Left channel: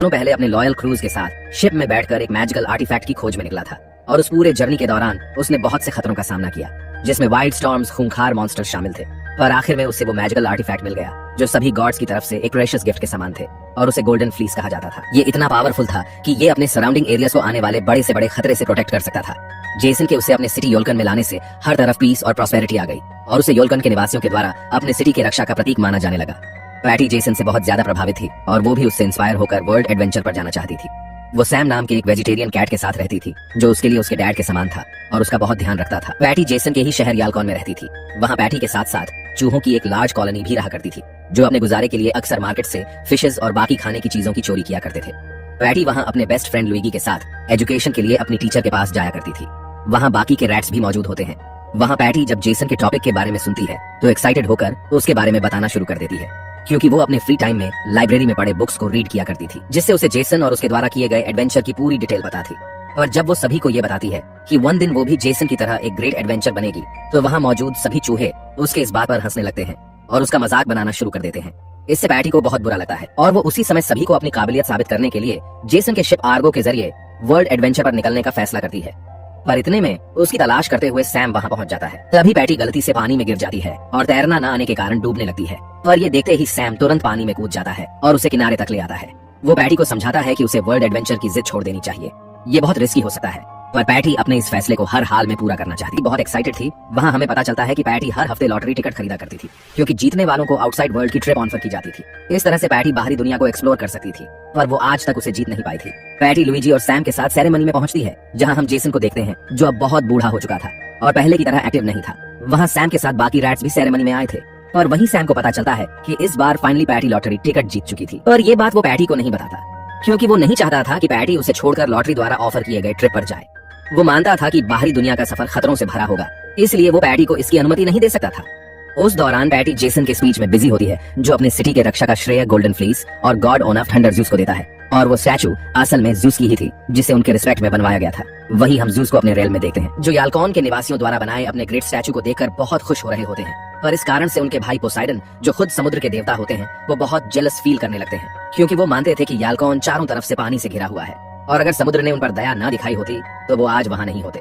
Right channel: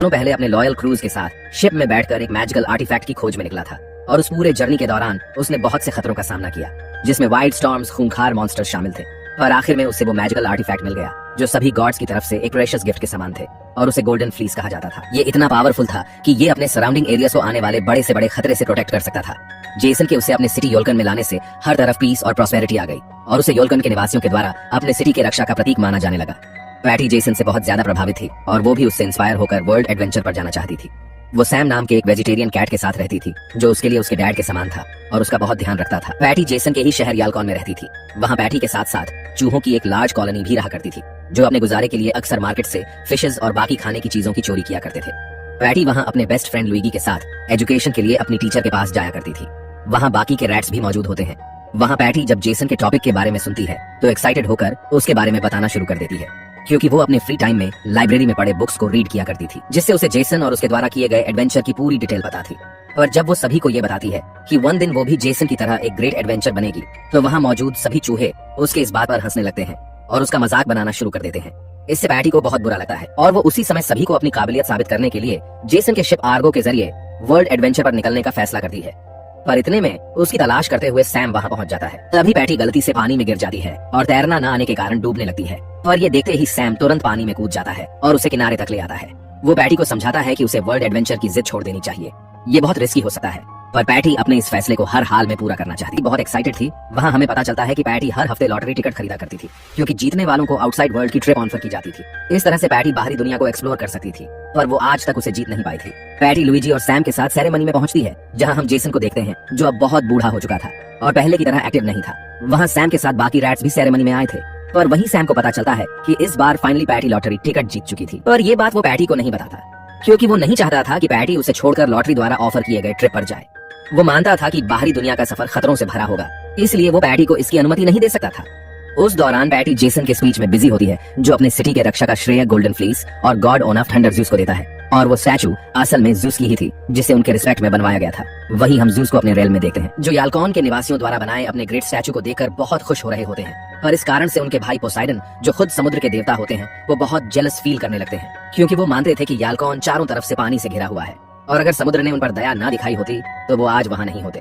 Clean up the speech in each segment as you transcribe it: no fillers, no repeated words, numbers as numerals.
दोनों पहले अपने लॉयल क्रूज के साथ शिप में बैठकर एक मैजिकल आर्टिफैक्ट की खोज में निकला था और उस पूरे जर्नी के दौरान उसने बहुत से खतरों का सामना किया, जिसमें वाइल्ड स्टॉर्म्स, खूंखार मॉन्स्टर्स शामिल थे। पर आखिर में उसे वो मैजिकल आर्टिफैक्ट मिल गया जो सभी गॉड्स की तरफ से एक प्रेशियस गिफ्ट के समान थे और उसे गोल्डन फ्लीस कहा जाता था। ये इतना पावरफुल था कि ये अपने सराउंडिंग एरियाज को आने वाले बड़े से बड़े खतरे से प्रोटेक्ट कर सकता था। जेसन के उसे अपने सिटी योल्कन में लाने से हर तरफ पीस और प्रॉस्पेरिटी आ गई और उसे योल्कन के निवासियों के द्वारा अपने सिटी की रक्षा का प्रतीक माना जाने लगा। पैटी जेसन से बहुत ज्यादा प्रभावित थी और वो भी उससे इंस्पायर होकर वर्ल्ड एडवेंचर पर जाना चाहती थी। वो सैम नाम के एक वेजिटेरियन कैट के साथ रहती थी जो उसके लिए उसके डैड के समान था और उसका बहुत ध्यान रखता था। पैटी जेसन के ही शहर यालकॉन में रहती थी। वहाँ पैटी के साथ साथ चूहों की एक लार्ज कॉलोनी भी रहा करती थी जो अपने गुजारे के लिए अक्सर मार्केट से फिशेस और बाकी खाने की चीजों की चोरी किया करते थे। पैटी वहाँ अपने बेस्ट फ्रेंड लुइगी के साथ एजुकेशन के लिए अपनी टीचर के पास जाया करती थी। वहाँ बाकी के रैट्स भी मौजूद होते हैं। वहाँ पैटी जब जेसन के टॉपिक के बारे में सुनती है तो एक्साइटेड होकर उसके बारे में बताना शुरू कर देती है, क्योंकि वो अपने फ्री टाइम में लाइब्रेरी में पढ़े बुक्स को रीड किया करती थी, जिससे उसे जेसन और उसके द्वारा किए गए एडवेंचर की पूरी डिटेल पता थी। और जब वो सभी को ये बताती है कि वन दिन वो भी जेसन की तरह एक ग्रेट एडवेंचर बनेगी, तो वहाँ मौजूद सभी चूहे उसके इस बात पर हंसने लगते हैं और उसका मजाक बनाना शुरू कर देते हैं। इससे पैटी को बहुत बुरा लगता है और वो उसी समय सभी को अपनी काबिलियत साबित करने के लिए जेसन के शिप आर्गो के जरिए वर्ल्ड एडवेंचर पर निकलने का फैसला करती है। पर इतने में उसकी तलाश करते हुए सैम वहाँ पहुँच जाता है। तभी पैटी गलती से पानी में गिर जाती है और तैरना न आने के कारण डूबने लगती है। पर ये देखते ही सैम तुरंत पानी में कूद जाता है और उसे किनारे तक ले आता है। वो पैटी को समझाता है कि उसे वर्ल्ड एडवेंचर की जिद छोड़ देनी चाहिए, ये बहुत रिस्की हो सकता है। पर पैटी अपने इस फैसले को हर हाल में पूरा करना चाहती, बहुत एक्साइटेड थी। वहाँ हमें पता चलता है कि पैटी हर हफ्ते लॉटरी टिकट खरीदा करती थी, क्योंकि जीतने वालों को आउटसाइड वर्ल्ड की ट्रिप ऑफर की जाती थी। इस तरह से पैटी बाहरी दुनिया को एक्सप्लोर कर सकती थी, पर वो आज तक उसे जीत नहीं पाई थी। पैटी लुइगी और सैम के साथ सेरेमनी में पहुंचती है, जहाँ हम जेसन को देखते हैं जो अब बहुत बूढ़ा हो चुका था और पहले की तरह एक्टिव नहीं था। वहाँ सैम के साथ बाकी रैट्स भी सेरेमनी में आए थे, पर वहीं सैम को पता चलता है कि इस बार फाइनली पैटी लॉटरी टिकट जीत चुकी थी। और ये बात वो पैटी को नहीं बताता, क्योंकि वो नहीं चाहता था कि पैटी उसे छोड़कर लॉटरी द्वारा ऑफर किए गए ट्रिप पर जाए। वो मानता था कि बाहरी दुनिया का सफर खतरों से भरा होगा, इसलिए वो पैटी को इसकी अनुमति नहीं दे सकता था। उस दौरान पैटी जेसन के स्पीच में बिजी होती है, जो अपने सिटी के रक्षा का श्रेय गोल्डन फ्लीस और God on off thunder juice को देता है। और वो स्टैचू असल में जूस की ही थी, जिसे उनके रिस्पेक्ट में बनवाया गया था। वहीं हम जूस को अपने रेल में देखते हैं, जो यालकॉन के निवासियों द्वारा बनाए अपने ग्रेट स्टैचू को देखकर बहुत खुश हो रहे होते हैं। पर इस कारण से उनके भाई पोसाइडन, जो खुद समुद्र के देवता होते हैं, वो बहुत जेलस फील करने लगते हैं, क्योंकि वो मानते थे कि यालकॉन चारों तरफ से पानी से घिरा हुआ है और अगर समुद्र ने उन पर दया ना दिखाई होती तो वो आज वहाँ नहीं होते।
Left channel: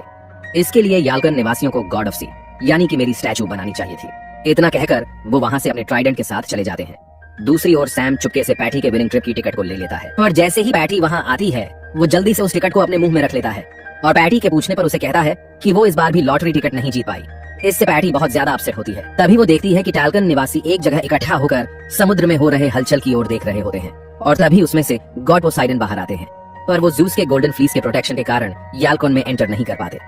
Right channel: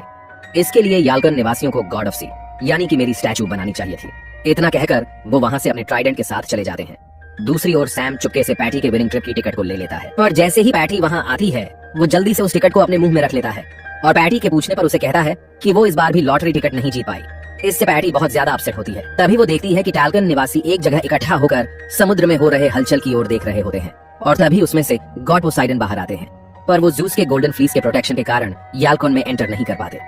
इसके लिए यालकन निवासियों को गॉड ऑफ सी यानी कि मेरी स्टैचू बनानी चाहिए थी। इतना कहकर वो वहाँ से अपने ट्राइडेंट के साथ चले जाते हैं। दूसरी ओर सैम चुपके से पैटी के विनिंग ट्रिप की टिकट को ले लेता है, पर जैसे ही पैटी वहाँ आती है वो जल्दी से उस टिकट को अपने मुंह में रख लेता है और पैटी के पूछने पर उसे कहता है कि वो इस बार भी लॉटरी टिकट नहीं जीत पाई। इससे पैटी बहुत ज्यादा अपसेट होती है। तभी वो देखती है कि टालकन निवासी एक जगह इकट्ठा होकर समुद्र में हो रहे हलचल की ओर देख रहे होते हैं और तभी उसमें से गॉड पोसाइडन बाहर आते हैं, पर वो जूस के गोल्डन फ्लीस के प्रोटेक्शन के कारण यालकॉन में एंटर नहीं कर पाते।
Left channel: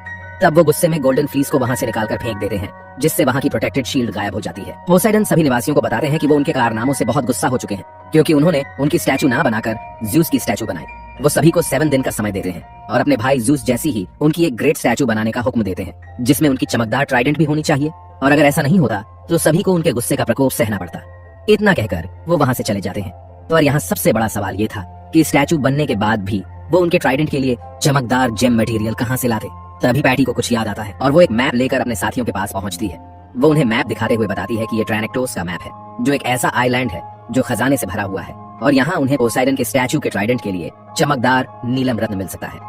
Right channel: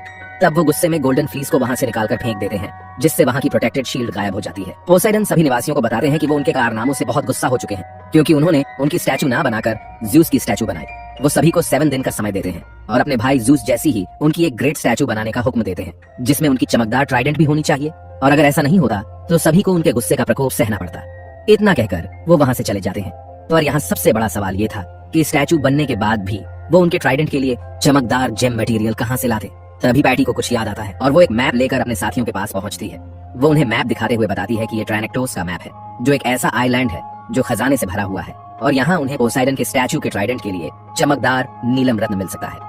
तब वो गुस्से में गोल्डन फ्लीस को वहाँ से निकालकर फेंक देते हैं, जिससे वहाँ की प्रोटेक्टेड शील्ड गायब हो जाती है। पोसाइडन सभी निवासियों को बताते हैं कि वो उनके कारनामों से बहुत गुस्सा हो चुके हैं, क्योंकि उन्होंने उनकी स्टैचू ना बनाकर जूस की स्टैचू बनाई। वो सभी को 7 दिन का समय देते हैं और अपने भाई जूस जैसी ही उनकी एक ग्रेट स्टैचू बनाने का हुक्म देते हैं, जिसमें उनकी चमकदार ट्राइडेंट भी होनी चाहिए, और अगर ऐसा नहीं होता तो सभी को उनके गुस्से का प्रकोप सहना पड़ता। इतना कहकर वो वहाँ से चले जाते हैं। पर यहाँ सबसे बड़ा सवाल ये था कि स्टैचू बनने के बाद भी वो उनके ट्राइडेंट के लिए चमकदार जेम मटेरियल कहाँ से लाते। तभी पैटी को कुछ याद आता है और वो एक मैप लेकर अपने साथियों के पास पहुंचती है। वो उन्हें मैप दिखाते हुए बताती है कि ये ट्राइनेक्टोस का मैप है, जो एक ऐसा आइलैंड है जो खजाने से भरा हुआ है, और यहाँ उन्हें पोसाइडन के स्टैचू के ट्राइडेंट के लिए चमकदार नीलम रत्न मिल सकता है,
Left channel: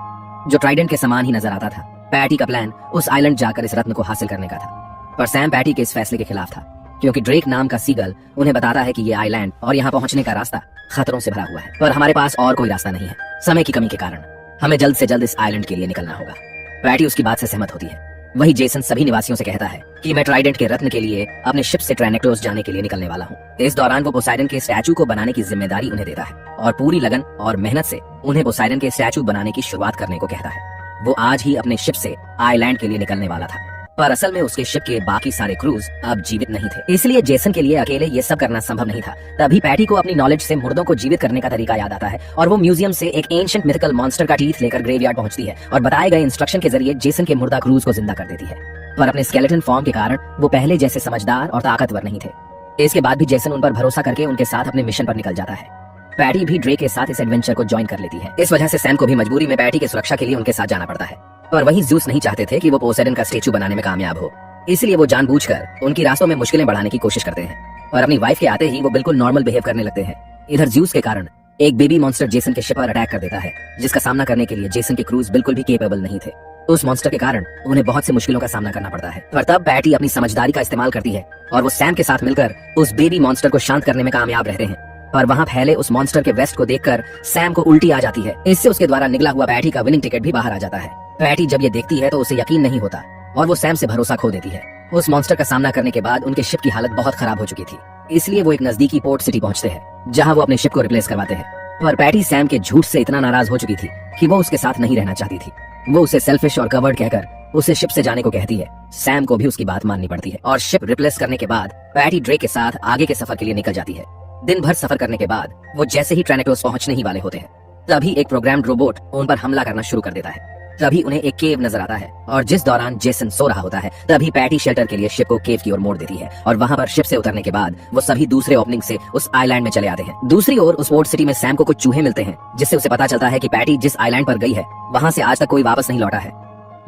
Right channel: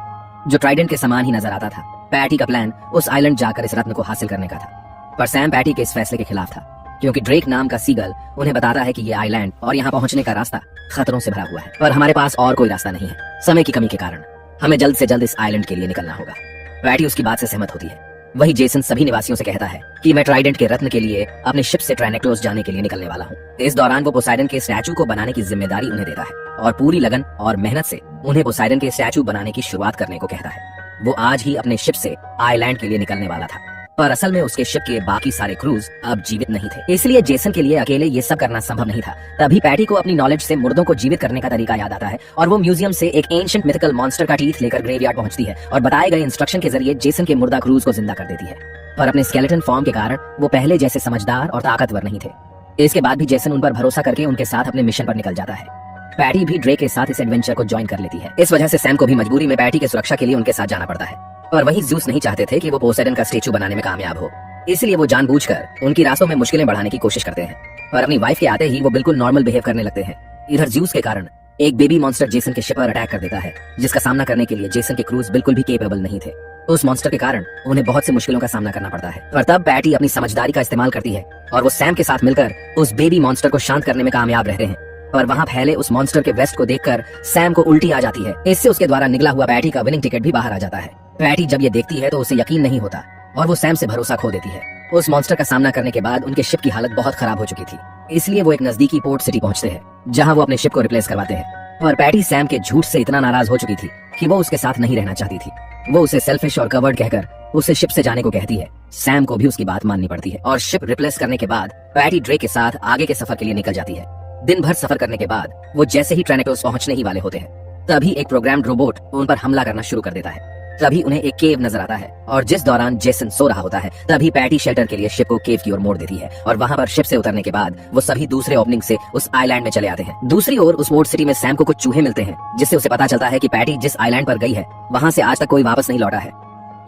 जो ट्राइडेंट के समान ही नजर आता था। पैटी का प्लान उस आइलैंड जाकर इस रत्न को हासिल करने का था, पर सैम पैटी के इस फैसले के खिलाफ था, क्योंकि ड्रेक नाम का सीगल उन्हें बताता है कि ये आइलैंड और यहाँ पहुंचने का रास्ता खतरों से भरा हुआ है, पर हमारे पास और कोई रास्ता नहीं है। समय की कमी के कारण हमें जल्द से जल्द इस आइलैंड के लिए निकलना होगा। पैटी उसकी बात से सहमत होती है। वही जेसन सभी निवासियों से कहता है कि मैं ट्राइडेंट के रत्न के लिए अपने शिप से ट्राइनेक्टोस जाने के लिए निकलने वाला हूँ। इस दौरान वो पोसाइडन के स्टैचू को बनाने की जिम्मेदारी उन्हें देता है और पूरी लगन और मेहनत से उन्हें पोसाइडन के स्टैचू बनाने की शुरुआत करने को कहता है। वो आज ही अपने शिप से आइलैंड के लिए निकलने वाला था, पर असल में उसके शिप के बाकी सारे क्रूज अब जीवित नहीं थे, इसलिए जेसन के लिए अकेले ये सब करना संभव नहीं था। तभी पैटी को अपनी नॉलेज से मुर्दों को जीवित करने का तरीका याद आता है और वो म्यूजियम से एक एंशिएंट मिथिकल मॉन्स्टर का टीथ लेकर ग्रेवयार्ड पहुंचती है और बताए गए इंस्ट्रक्शन के जरिए जेसन के मुर्दा क्रूज को जिंदा कर देती है। पर अपने स्केलेटन फॉर्म के कारण वो पहले जैसे समझदार और ताकतवर नहीं थे। इसके बाद भी जेसन उन पर भरोसा करके उनके साथ अपने मिशन पर निकल जाता है। पैटी भी ड्रेक के साथ इस एडवेंचर को ज्वाइन कर लेती है। इस वजह से सैम को भी मजबूरी में पैटी की सुरक्षा के लिए उनके साथ जाना पड़ता है। और वहीं जूस नहीं चाहते थे कि वो पोसाइडन का स्टैचू बनाने में कामयाब हो, इसलिए वो जानबूझकर उनकी रास्तों में मुश्किलें बढ़ाने की कोशिश करते हैं। और अपनी वाइफ के आते ही वो बिल्कुल नॉर्मल बिहेव करने लगते हैं। इधर ज्यूस के कारण एक बेबी मॉन्स्टर जेसन के शिप पर अटैक कर देता है, जिसका सामना करने के लिए जेसन के क्रूज बिल्कुल भी केपेबल नहीं थे। उस मॉन्स्टर के कारण उन्हें बहुत सी मुश्किलों का सामना करना पड़ता है। और तब पैटी अपनी समझदारी का इस्तेमाल करती है और वो सैम के साथ मिलकर उस बेबी मॉन्स्टर को शांत करने में कामयाब रहते हैं। और वहाँ फैले उस मॉन्स्टर के वेस्ट को देखकर सैम को उल्टी आ जाती है। इससे उसके द्वारा निकला हुआ पैटी का विनिंग टिकट भी बाहर आ जाता है। पैटी जब ये देखती है तो उसे यकीन नहीं होता और वो सैम से भरोसा खो देती है। उस मॉन्स्टर का सामना करने के बाद उनके शिप की हालत बहुत खराब हो चुकी थी, इसलिए वो एक नजदीकी पोर्ट सिटी पहुंचते हैं, जहां वो अपने शिप को रिप्लेस करवाते हैं। पर पैटी सैम के झूठ से इतना नाराज हो चुकी थी कि वो उसके साथ नहीं रहना चाहती थी। वो उसे सेल्फिश और कवर्ड कहकर उसे शिप से जाने को कहती है। सैम को भी उसकी बात माननी पड़ती है और शिप रिप्लेस करने के बाद पैटी ड्रेक के साथ आगे के सफर के लिए निकल जाती है। दिन भर सफर करने के बाद वो जैसे ही ट्रैनेक्लोस पहुंचने ही वाले होते हैं, तभी एक प्रोग्राम्ड रोबोट उन पर हमला करना शुरू कर देता है। तभी उन्हें एक केव नजर आता है और जिस दौरान जेसन सो रहा होता है, तभी पैटी शेल्टर के लिए शिप को केव की ओर मोड़ देती है और वहां पर शिप से उतरने के बाद वो सभी दूसरे ओपनिंग से उस आइलैंड में चले आते हैं। दूसरी ओर उस पोर्ट सिटी में सैम को कुछ चूहे मिलते हैं, जिससे उसे पता चलता है कि पैटी जिस आइलैंड पर गई है वहां से आज तक कोई वापस नहीं लौटा है।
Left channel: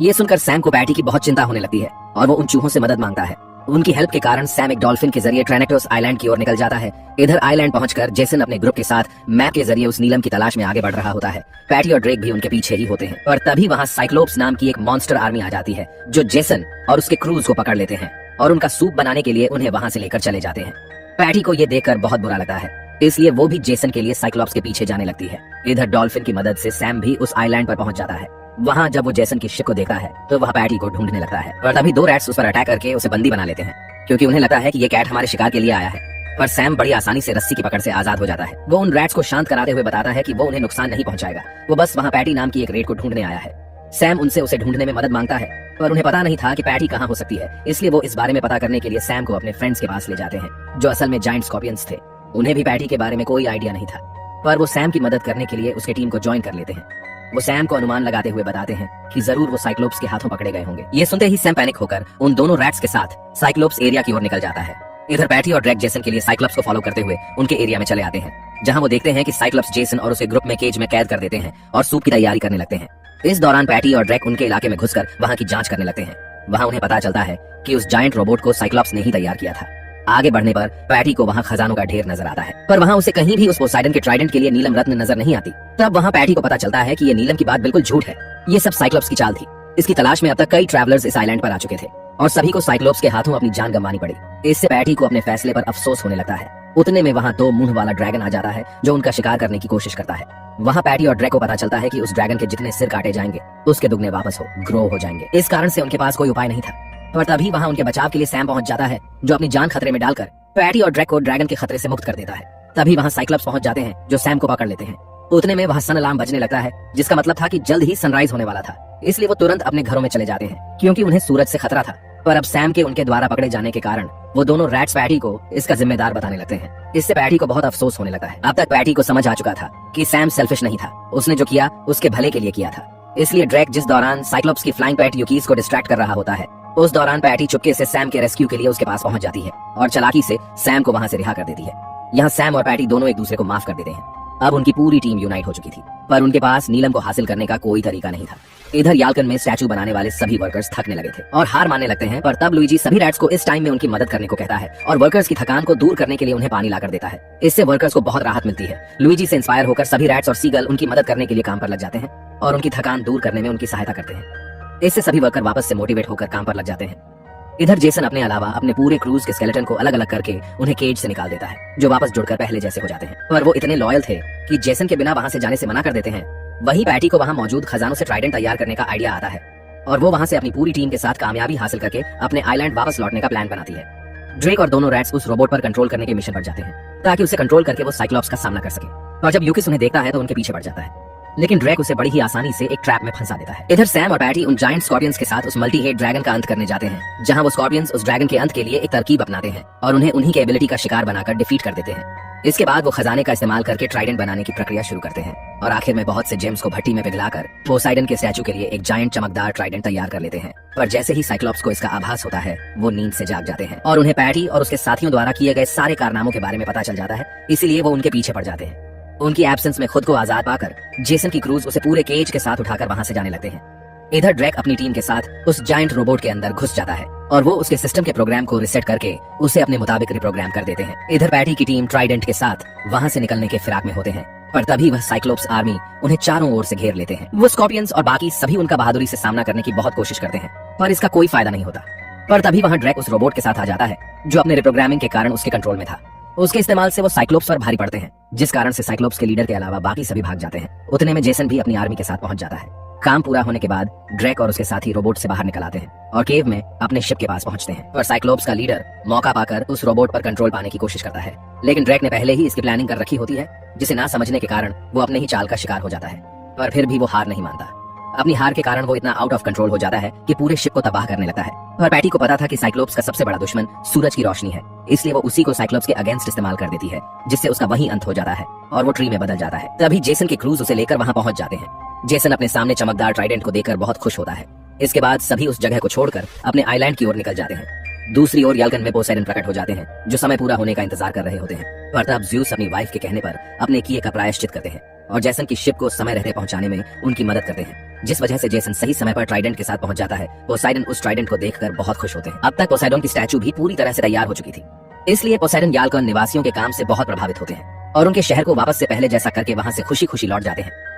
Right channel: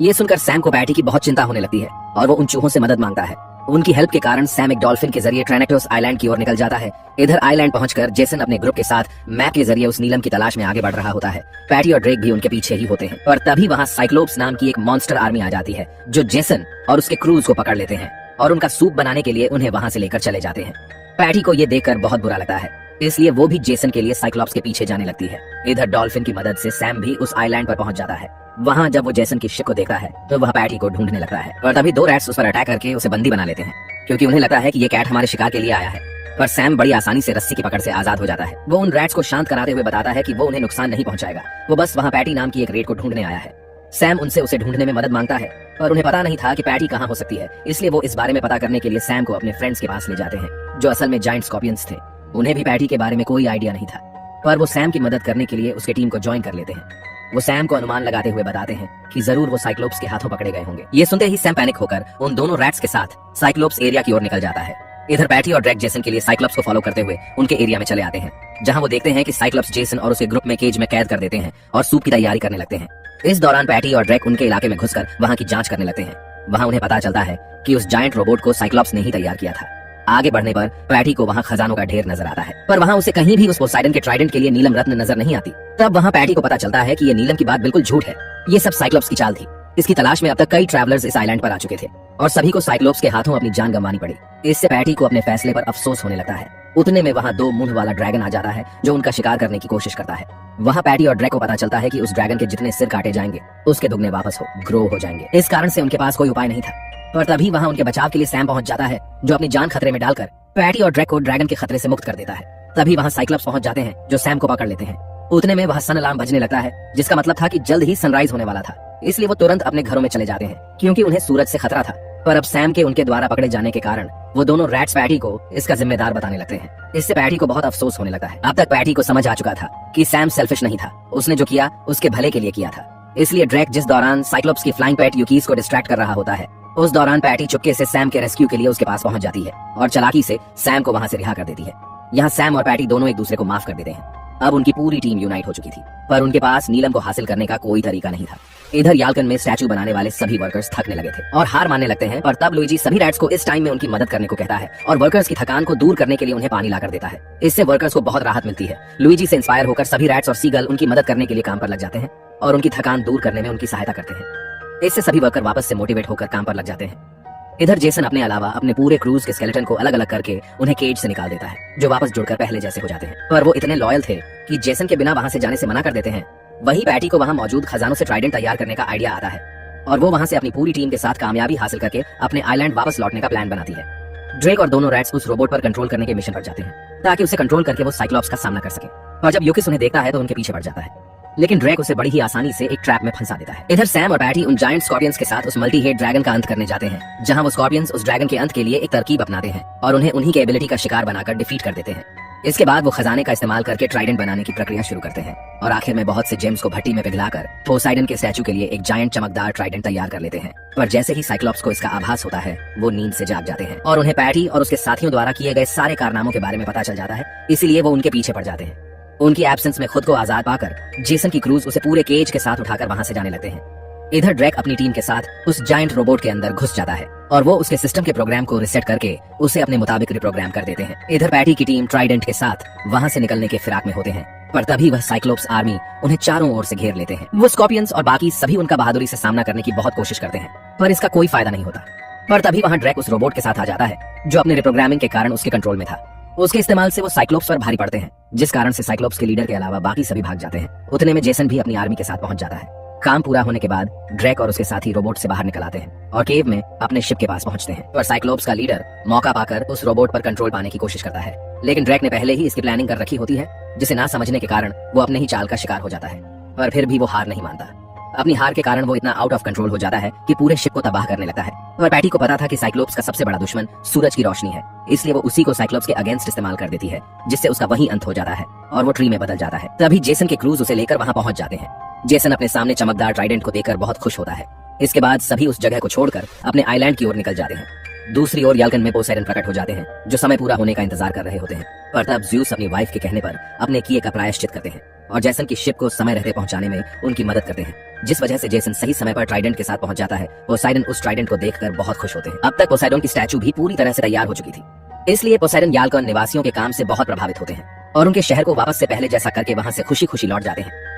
ये सुनकर सैम को पैटी की बहुत चिंता होने लगती है और वो उन चूहों से मदद मांगता है। उनकी हेल्प के कारण सैम एक डॉल्फिन के जरिए ट्रैनेक्लोस आइलैंड की ओर निकल जाता है। इधर आइलैंड पहुंचकर जेसन अपने ग्रुप के साथ मैप के जरिए उस नीलम की तलाश में आगे बढ़ रहा होता है। पैटी और ड्रेक भी उनके पीछे ही होते हैं और तभी वहां साइक्लोप्स नाम की एक मॉन्स्टर आर्मी आ जाती है, जो जेसन और उसके क्रूज को पकड़ लेते हैं और उनका सूप बनाने के लिए उन्हें वहां से लेकर चले जाते हैं। पैटी को ये देखकर बहुत बुरा लगता है, इसलिए वो भी जेसन के लिए साइक्लोप्स के पीछे जाने लगती है। इधर डॉल्फिन की मदद से सैम भी उस आइलैंड पर पहुंच जाता है। वहां जब वो जेसन की शिप को देखता है तो वह पैटी को ढूंढने लगता है और तभी दो रैट्स उस पर अटैक करके उसे बंदी बना लेते हैं, क्योंकि उन्हें लगता है कि ये कैट हमारे शिकार के लिए आया है। पर सैम बड़ी आसानी से रस्सी की पकड़ से आजाद हो जाता है। वो उन रैट्स को शांत कराते हुए बताता है कि वो उन्हें नुकसान नहीं पहुंचाएगा, वो बस वहां पैटी नाम की एक रेट को ढूंढने आया है। सैम उनसे उसे ढूंढने में मदद मांगता है, पर उन्हें पता नहीं था कि पैटी कहाँ हो सकती है, इसलिए वो इस बारे में पता करने के लिए सैम को अपने फ्रेंड्स के पास ले जाते हैं, जो असल में जायंट स्कॉर्पियंस थे। उन्हें भी पैटी के बारे में कोई आइडिया नहीं था, पर वो सैम की मदद करने के लिए उसके टीम को ज्वाइन कर लेते हैं। वो सैम को अनुमान लगाते हुए बताते हैं कि जरूर वो साइक्लोप्स के हाथों पकड़े गए होंगे। ये सुनते ही सैम पैनिक होकर उन दोनों रैट्स के साथ साइक्लोप्स एरिया की ओर निकल जाता है। इधर पैटी और ड्रैक जेसन के लिए साइक्लोप्स को फॉलो करते हुए उनके एरिया में चले आते हैं, जहां वो देखते हैं कि साइक्लोप्स जेसन और उसके ग्रुप में केज में कैद कर देते हैं और सूप की तैयारी करने लगते हैं। इस दौरान पैटी और ड्रैक उनके इलाके में घुसकर वहां की जांच करने लगते हैं। वहां उन्हें पता चलता है कि उस जायंट रोबोट को साइक्लोप्स ने ही तैयार किया था। आगे बढ़ने पर पैटी को वहां खजानों का ढेर नजर आता है, पर वहां उसे कहीं भी उस पोसाइडन के ट्राइडेंट के लिए नीलम रत्न नजर नहीं आती। तब वहां पैटी को पता चलता है कि ये नीलम की बात बिल्कुल झूठ है, ये सब साइक्लोप्स की चाल थी। इसकी तलाश में अब तक कई ट्रैवलर्स इस आइलैंड पर आ चुके थे और सभी को साइक्लोप्स के हाथों अपनी जान गंवानी पड़ी। इससे पैटी को अपने फैसले पर अफसोस होने लगता है। उतने में वहां दो मुंह वाला ड्रैगन आ जाता है, जो उनका शिकार करने की कोशिश करता है। वहां पैटी और ड्रैक को पता चलता है कि उस ड्रैगन के जितने सिर काटे जाएंगे उसके दुगने वापस ग्रो हो जाएंगे। इस कारण से उनके पास कोई उपाय नहीं था। पर तभी वहां उनके बचाव के लिए सैम पहुंच जाता है, जो अपनी जान खतरे में डालकर पैटी और ड्रैक को ड्रैगन के खतरे से मुक्त कर देता है। तभी वहां साइक्लोप्स पहुंच जाते हैं, जो सैम को पकड़ लेते हैं। उतने में वहां सन अलार्म बजने लगता है, जिसका मतलब था कि जल्द ही सनराइज होने वाला था, इसलिए वो तुरंत अपने घरों में चले जाते हैं, क्योंकि उन्हें सूरज से खतरा था। पर अब सैम के उनके द्वारा पकड़े जाने के कारण वो दोनों रैट्स पैटी को इसका जिम्मेदार बताने लगते हैं। इससे पैटी को बहुत अफसोस होने लगता है। अब तक पैटी को समझ आ चुका था कि सैम सेल्फिश नहीं था, उसने जो किया उसके भले के लिए किया था। इसलिए ड्रैक जिस दौरान साइक्लोप्स की फ्लाइंग पैट यूकीज को डिस्ट्रैक्ट कर रहा होता है, उस दौरान पैटी चुपके से सैम के रेस्क्यू के लिए उसके पास पहुंच जाती है और चालाकी से सैम को वहां से रिहा कर देती है। यहाँ सैम और पैटी दोनों एक दूसरे को माफ कर देते हैं। अब उनकी पूरी टीम यूनाइट हो चुकी थी, पर उनके पास नीलम को हासिल करने का कोई तरीका नहीं था। इधर याल्कन में स्टैचू बनाने वाले सभी वर्कर्स थकने लगे थे और हार मानने लगते हैं। पर तब लुइजी सभी रैट्स को इस टाइम में उनकी मदद करने को कहता है और वर्कर्स की थकान को दूर करने के लिए उन्हें पानी लाकर देता है। इससे वर्कर्स को बहुत राहत मिलती है। लुइजी से इंस्पायर होकर सभी रैट्स और सीगल उनकी मदद करने के लिए काम पर लग जाते हैं और उनकी थकान दूर करने में उनकी सहायता करते हैं। इससे सभी वर्कर वापस से मोटिवेट होकर काम पर लग जाते हैं। इधर जेसन अपने अलावा अपने पूरे क्रूज के स्केलेटन को अलग अलग करके उन्हें केज से निकाल देता है, जो वापस जुड़कर पहले जैसे हो जाते हैं। पर वो इतने लॉयल थे कि जेसन के बिना वहां से जाने से मना कर देते हैं। वहीं पैटी को वहां मौजूद खजानों से ट्राइडेंट तैयार करने का आइडिया आता है और वो वहां से अपनी पूरी टीम के साथ कामयाबी हासिल करके अपने आइलैंड वापस लौटने का प्लान बनाती है। ड्रेक और दोनों रैट्स उस रोबोट पर कंट्रोल करने के मिशन पर जाते हैं, ताकि उसे कंट्रोल करके वो साइक्लोप्स का सामना कर सके। और जब यूकिस उन्हें देखता है तो उनके पीछे पड़ जाता है, लेकिन ड्रैक उसे बड़ी ही आसानी से एक ट्रैप में फंसा देता है। इधर सैम और पैटी उन जायंट स्कॉर्पियंस के साथ उस मल्टी हेड ड्रैगन का अंत करने जाते हैं, जहां वो स्कॉर्पियंस उस ड्रैगन के अंत के लिए एक तरकीब अपनाते हैं और उन्हें उन्हीं के एबिलिटी का शिकार बनाकर डिफीट कर देते हैं। इसके बाद वो खजाने का इस्तेमाल करके ट्राइडेंट बनाने की प्रक्रिया शुरू करते हैं और आखिर में बहुत से जेम्स को भट्टी में पिघलाकर पोसाइडन के स्टैचू के लिए एक जायंट चमकदार ट्राइडेंट तैयार कर लेते हैं। पर जैसे ही साइक्लोप्स को इसका आभास होता है, वो नींद से जाग जाते हैं और उन्हें पैटी और उसके साथियों द्वारा किए गए सारे कारनामों के बारे में पता चल जाता है, इसीलिए वो उनके पीछे पड़ जाते हैं। उनकी एब्सेंस में खुद को आजाद पाकर जेसन की क्रूज उसे पूरे केज के साथ उठाकर वहां से जाने लगते हैं। इधर ड्रैक अपनी टीम के साथ उस जायंट रोबोट के अंदर घुस जाता है और वो उसके सिस्टम के प्रोग्राम को रिसेट करके उसे अपने मुताबिक रिप्रोग्राम कर देते हैं। इधर पैटी की टीम ट्राइडेंट के साथ वहाँ से निकलने के फिराक में होते हैं, पर तभी वह साइक्लोप्स आर्मी उन्हें चारों ओर से घेर लेते हैं। वो स्कॉर्पियंस और बाकी सभी उनका बहादुरी से सामना करने की बहुत कोशिश करते हैं, पर इसका कोई फायदा नहीं होता। पर तभी वहाँ ड्रैक उस रोबोट के साथ आ जाता है जो अपने रिप्रोग्रामिंग के कारण उसके कंट्रोल में था। उसके इस्तेमाल से वो साइक्लोप्स पर भारी पड़ते हैं, जिस कारण से साइक्लोप्स के लीडर के अलावा बाकी सभी भाग जाते हैं। उतने में जेसन भी अपनी आर्मी के साथ पहुंच जाता है। काम पूरा होने के बाद ड्रैक और उसके साथी रोबोट से बाहर निकल आते हैं और केव में अपने शिप के पास पहुंचते हैं। पर साइक्लोप्स का लीडर मौका पाकर उस रोबोट पर कंट्रोल पाने की कोशिश करता है, लेकिन ड्रैक ने पहले ही इसकी प्लानिंग कर रखी होती है, जिसे ना समझने के कारण वो अपने ही चाल का शिकार हो जाता है। पर फिर भी वो हार नहीं मानता। अपनी हार के कारण वो इतना आउट ऑफ कंट्रोल हो जाता है कि पूरे शिप को तबाह करने लगता है। और पैटी को पता था कि साइक्लोप्स का सबसे बड़ा दुश्मन सूरज की रोशनी है, इसलिए वो उसी को साइक्लोप्स के अगेंस्ट इस्तेमाल कर देती है, जिससे उसका वही अंत हो जाता है और वो ट्री में बदल जाता है। तभी जेसन के क्रूज उसे लेकर वहाँ पहुंच जाते हैं। जेसन अपने सामने चमकदार ट्राइडेंट को देखकर बहुत खुश होता है। इसके बाद सभी उस जगह को छोड़कर अपने आइलैंड की ओर निकल जाते हैं। दूसरी ओर यल्कन में पोसेडन प्रकट हो जाते हैं, जो समय पूरा होने का इंतजार कर रहे होते हैं। पर तब ज़्यूस अपनी वाइफ के कहने पर अपने किए का प्रायश्चित करते हैं और जेसन की शिप को समय रहते पहुंचाने में उनकी मदद करते हैं, जिस वजह से जेसन सही समय पर ट्राइडेंट के साथ पहुंच जाता है। पोसेडन उस ट्राइडेंट को देखकर बहुत खुश होते हैं। अब तक पोसेडन की स्टैचू भी पूरी तरह से तैयार हो चुकी थी, इसलिए पोसेडन यल्कन निवासियों के काम से बहुत प्रभावित होते हैं और उनके शहर को वापस से पहले जैसा करके वहां से खुशी खुशी लौट जाते हैं।